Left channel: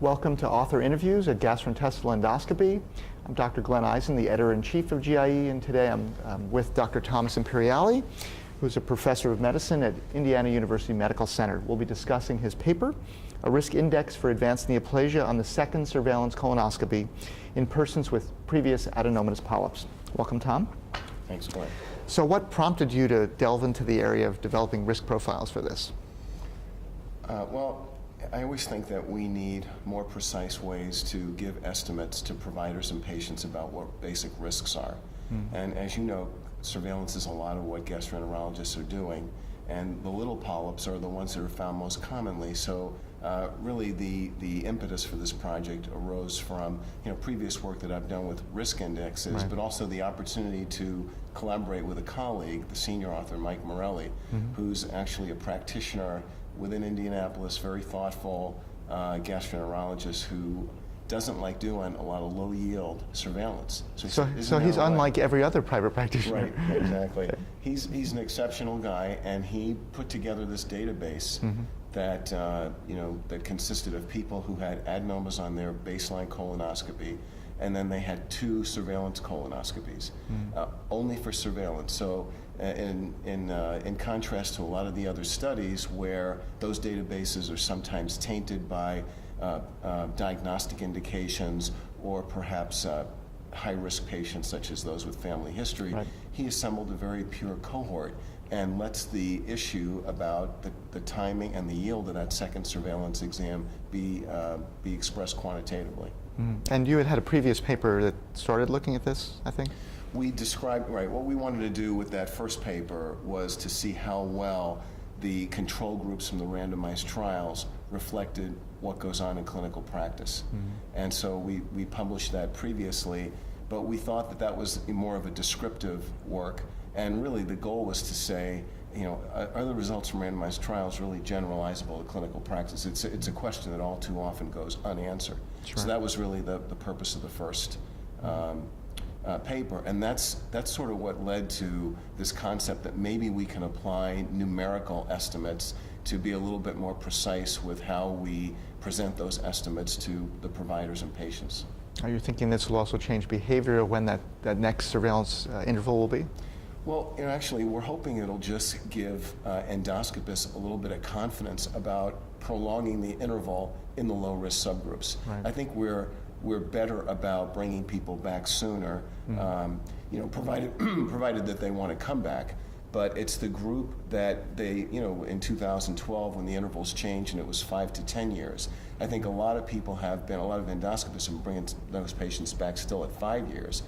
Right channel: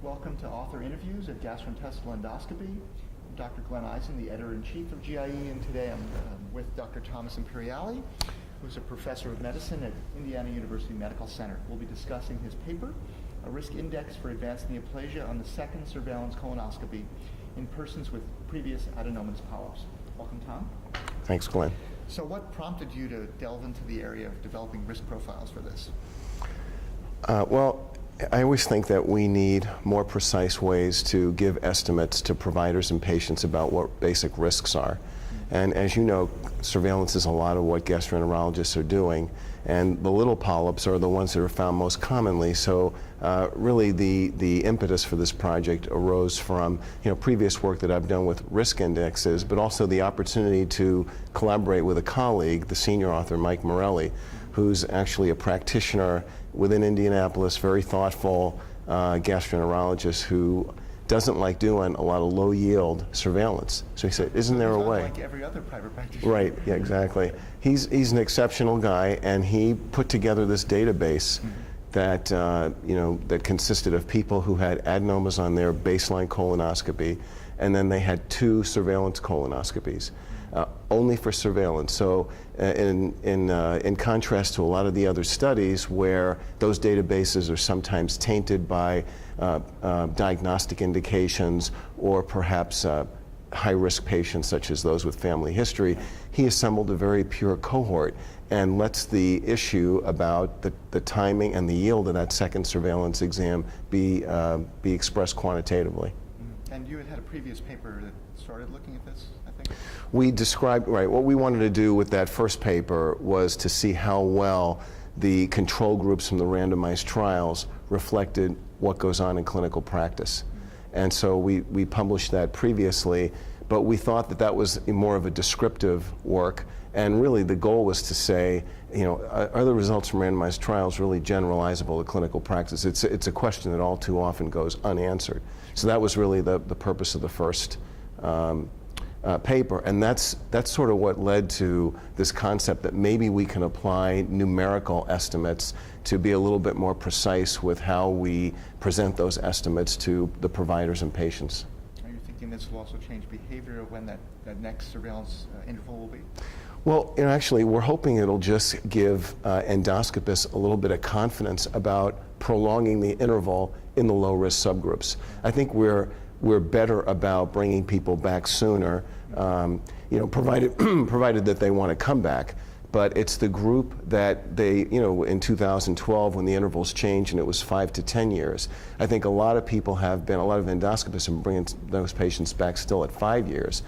Welcome to Author Interviews at Gastrointestinal Endoscopy. I'm Dr. Glenn Eisen, the editor-in-chief of GIE, and today I'm with Dr. Thomas Imperiale, who's a professor of medicine at Indiana University Medical Center. We'll be discussing his paper, A Risk Index for Advanced Neoplasia on the Second Surveillance Colonoscopy in Persons with Previous Adenomatous Polyps. Welcome, Tom. Thanks, Glenn. So what prompted you to delve into the area of developing risk profiles for this? Well, I always think that we need more precise ways to give estimates to providers and patients about what basic risks are. And as you know, surveillance is a lot of what gastroenterologists are doing, and the little polyps are the ones that are found most commonly. So really the impetus for this project arose from previous work that I've done with risk indexes, but also the opportunity to collaborate with a colleague, the senior author Mike Morelli, who's actually a practitioner within Indianapolis, very thoughtful gastroenterologist who doesn't like doing a lot of low-yield surveillance. So he said, isn't there a way? So he's unlike every other private practitioner. Right, yeah, exactly. He's an exceptional guy, and he put together this database that, that consisted of people who had adenomas on their baseline colonoscopy, and then they had 2 surveillance colonoscopies, only for surveillance. So in contrast to a lot of the other studies where those databases are sometimes tainted by diagnostic indications or perhaps high-risk patients such as those with family history, he assembled a very pure cohort and lets the issue about the timing and the yield of that second surveillance exam be expressed quantitatively. And you had a previous paper that started looking at this, I think? We described, what we wanted to do with that first paper was to see how well the control groups from the randomized trials reflected what goes on in clinical practice. And so we published that previously, but we thought that that was more of a descriptive work, and really the goal was to say, are the results from randomized trials really generalizable to clinical practice? It's a question that all too often goes unanswered. Sure. So that was really the purpose of the first paper, and that's sort of what led to this concept that maybe we can apply numerical estimates to be a little bit more precise with how we present those estimates to the providers and patients. Are you thinking this will also change behavior when that next surveillance interval will be? Well, actually, we're hoping it'll just give endoscopists a little bit of confidence about prolonging the interval in the low-risk subgroups. Right. I think we're better about bringing people back sooner, provided that they want to come back. But it's the group that they, in 2012 when the intervals changed and it was 5 to 10 years, I think a lot of endoscopists have been bringing those patients back still at 5 years.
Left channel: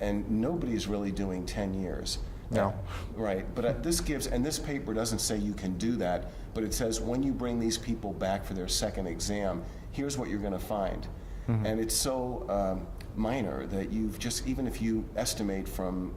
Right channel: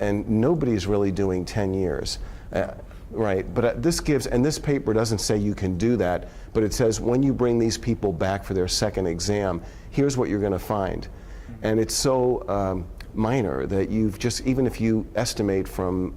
And nobody's really doing 10 years. No. Right, but this paper doesn't say you can do that, but it says when you bring these people back for their second exam, here's what you're going to find. And it's so minor that even if you estimate from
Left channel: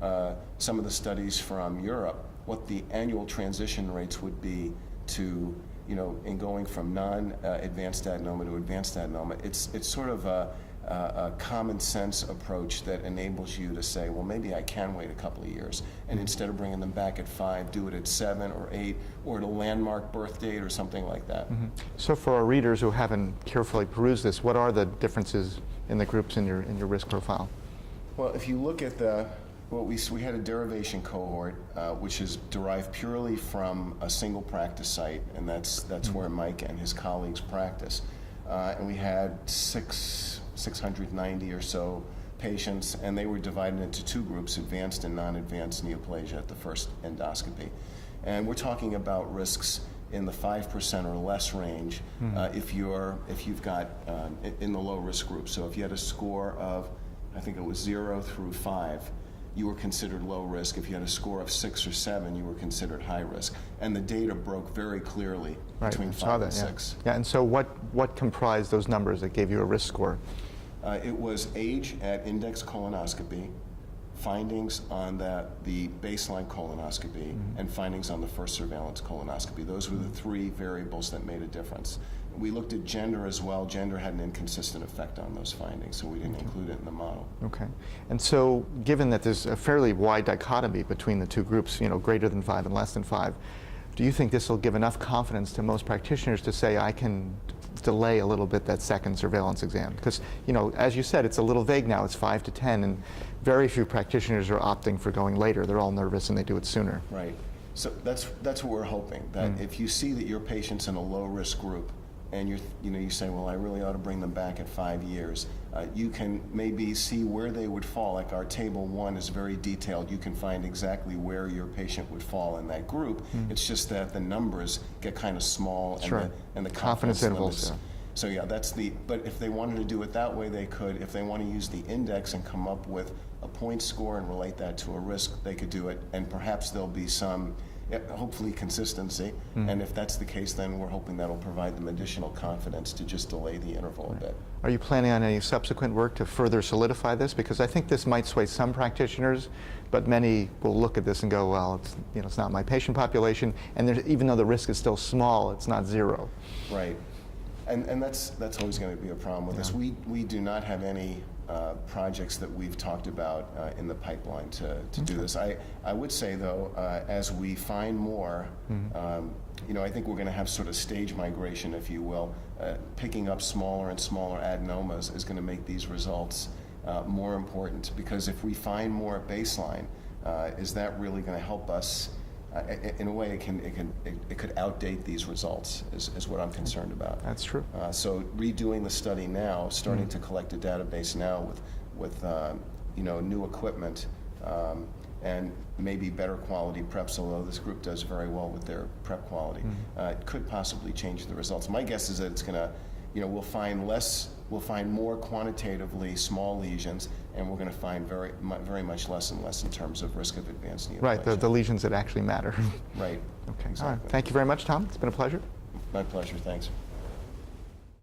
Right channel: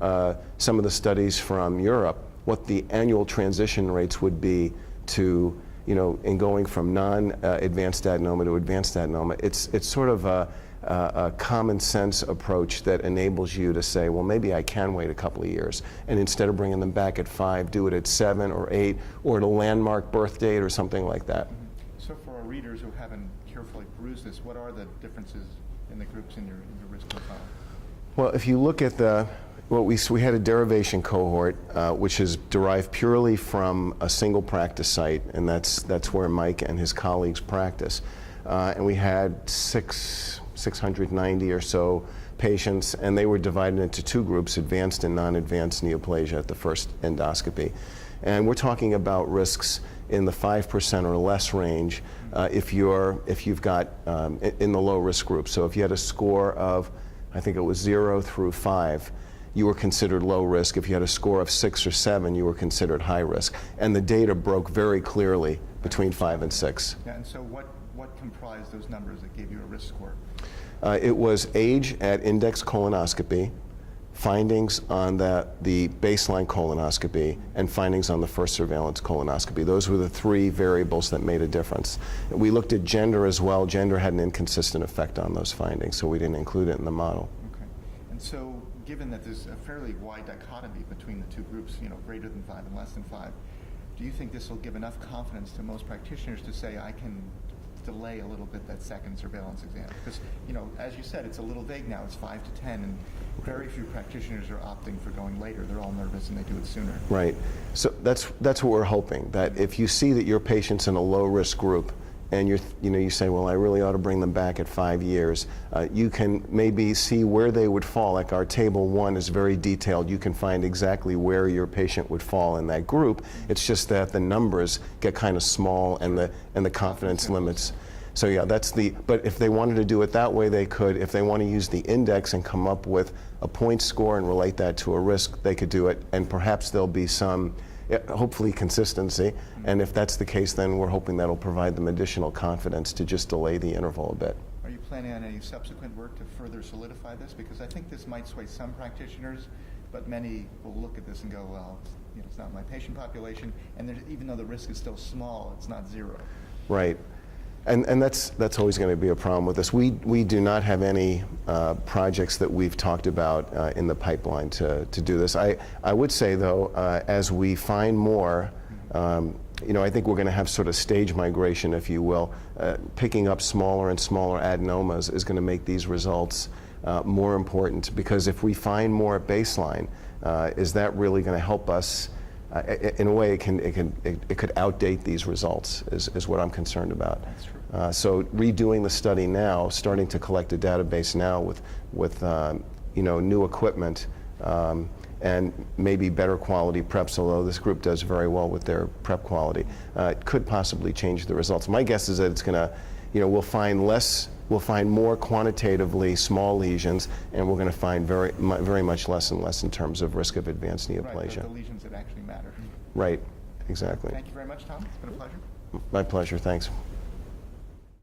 some of the studies from Europe what the annual transition rates would be to, in going from non-advanced adenoma to advanced adenoma, it's sort of a common sense approach that enables you to say, well, maybe I can wait a couple of years, and instead of bringing them back at 5, do it at 7 or 8 or at a landmark birth date or something like that. So for our readers who haven't carefully perused this, what are the differences in the groups in your risk profile? Well, if you look at we had a derivation cohort which is derived purely from a single practice site, and that's where Mike and his colleagues practice. And we had 690 or so patients, and they were divided into 2 groups, advanced and non-advanced neoplasia at the first endoscopy. And we're talking about risks in the 5% or less range if you've got in the low risk group. So if you had a score of, I think it was 0 through 5, you were considered low risk. If you had a score of 6 or 7, you were considered high risk. And the data broke very clearly between 5 and 6. Yeah, and so what comprised those numbers that gave you a risk score? It was age at index colonoscopy, findings on the baseline colonoscopy, and findings on the first surveillance colonoscopy. Those were the 3 variables that made a difference. We looked at gender as well. Gender had an inconsistent effect on those findings, so we didn't include it in the model. Okay. And so given that there's a fairly wide dichotomy between the 2 groups, greater than 5 and less than 5, do you think this will give enough confidence to most practitioners to say, I can delay a little bit that second surveillance exam? Because, you know, as you said, it's a little vague now. It's 5 to 10, and very few practitioners are opting for going later. They're all nervous and they do it sooner. Right. So that's what we're hoping, that if you see that your patient's in a low-risk group, and you say, well, I really ought to bring them back at 5 years, you can maybe see where they would fall. Like our table 1 is very detailed. You can find exactly where your patient would fall in that group. It's just that the numbers get kind of small, and the confidence limits. So yeah, but if they wanted to do it that way, they could. If they want to use the index and come up with a point score and relate that to a risk, they could do it, and perhaps there'll be some, hopefully, consistency. And if that's the case, then we're hoping that'll provide them additional confidence to just delay the interval a bit. Are you planning on any subsequent work to further solidify this? Because I think this might sway some practitioners, but many will look at this and go, well, it's not my patient population, and even though the risk is still small, it's not zero. Right. And that's always going to be a problem with this. We do not have any projects that we've talked about in the pipeline to do this. I would say, though, as we find more, I think we're going to have sort of stage migration, if you will. Picking up smaller and smaller adenomas is going to make these results more important, because if we find more at baseline, is that really going to help us? In a way, it could outdate these results, is what I'm concerned about. That's true. So redoing the study now, starting to collect a database now with new equipment, and maybe better quality preps, although this group does very well with their prep quality, could possibly change the results. My guess is that it's going to, we'll find more quantitatively small lesions, and we're going to find very much less and less in terms of risk of advanced neoplasia. Right, the lesions that actually matter. Right, Okay. exactly. Thank you very much, Tom. It's been a pleasure. My pleasure, thanks.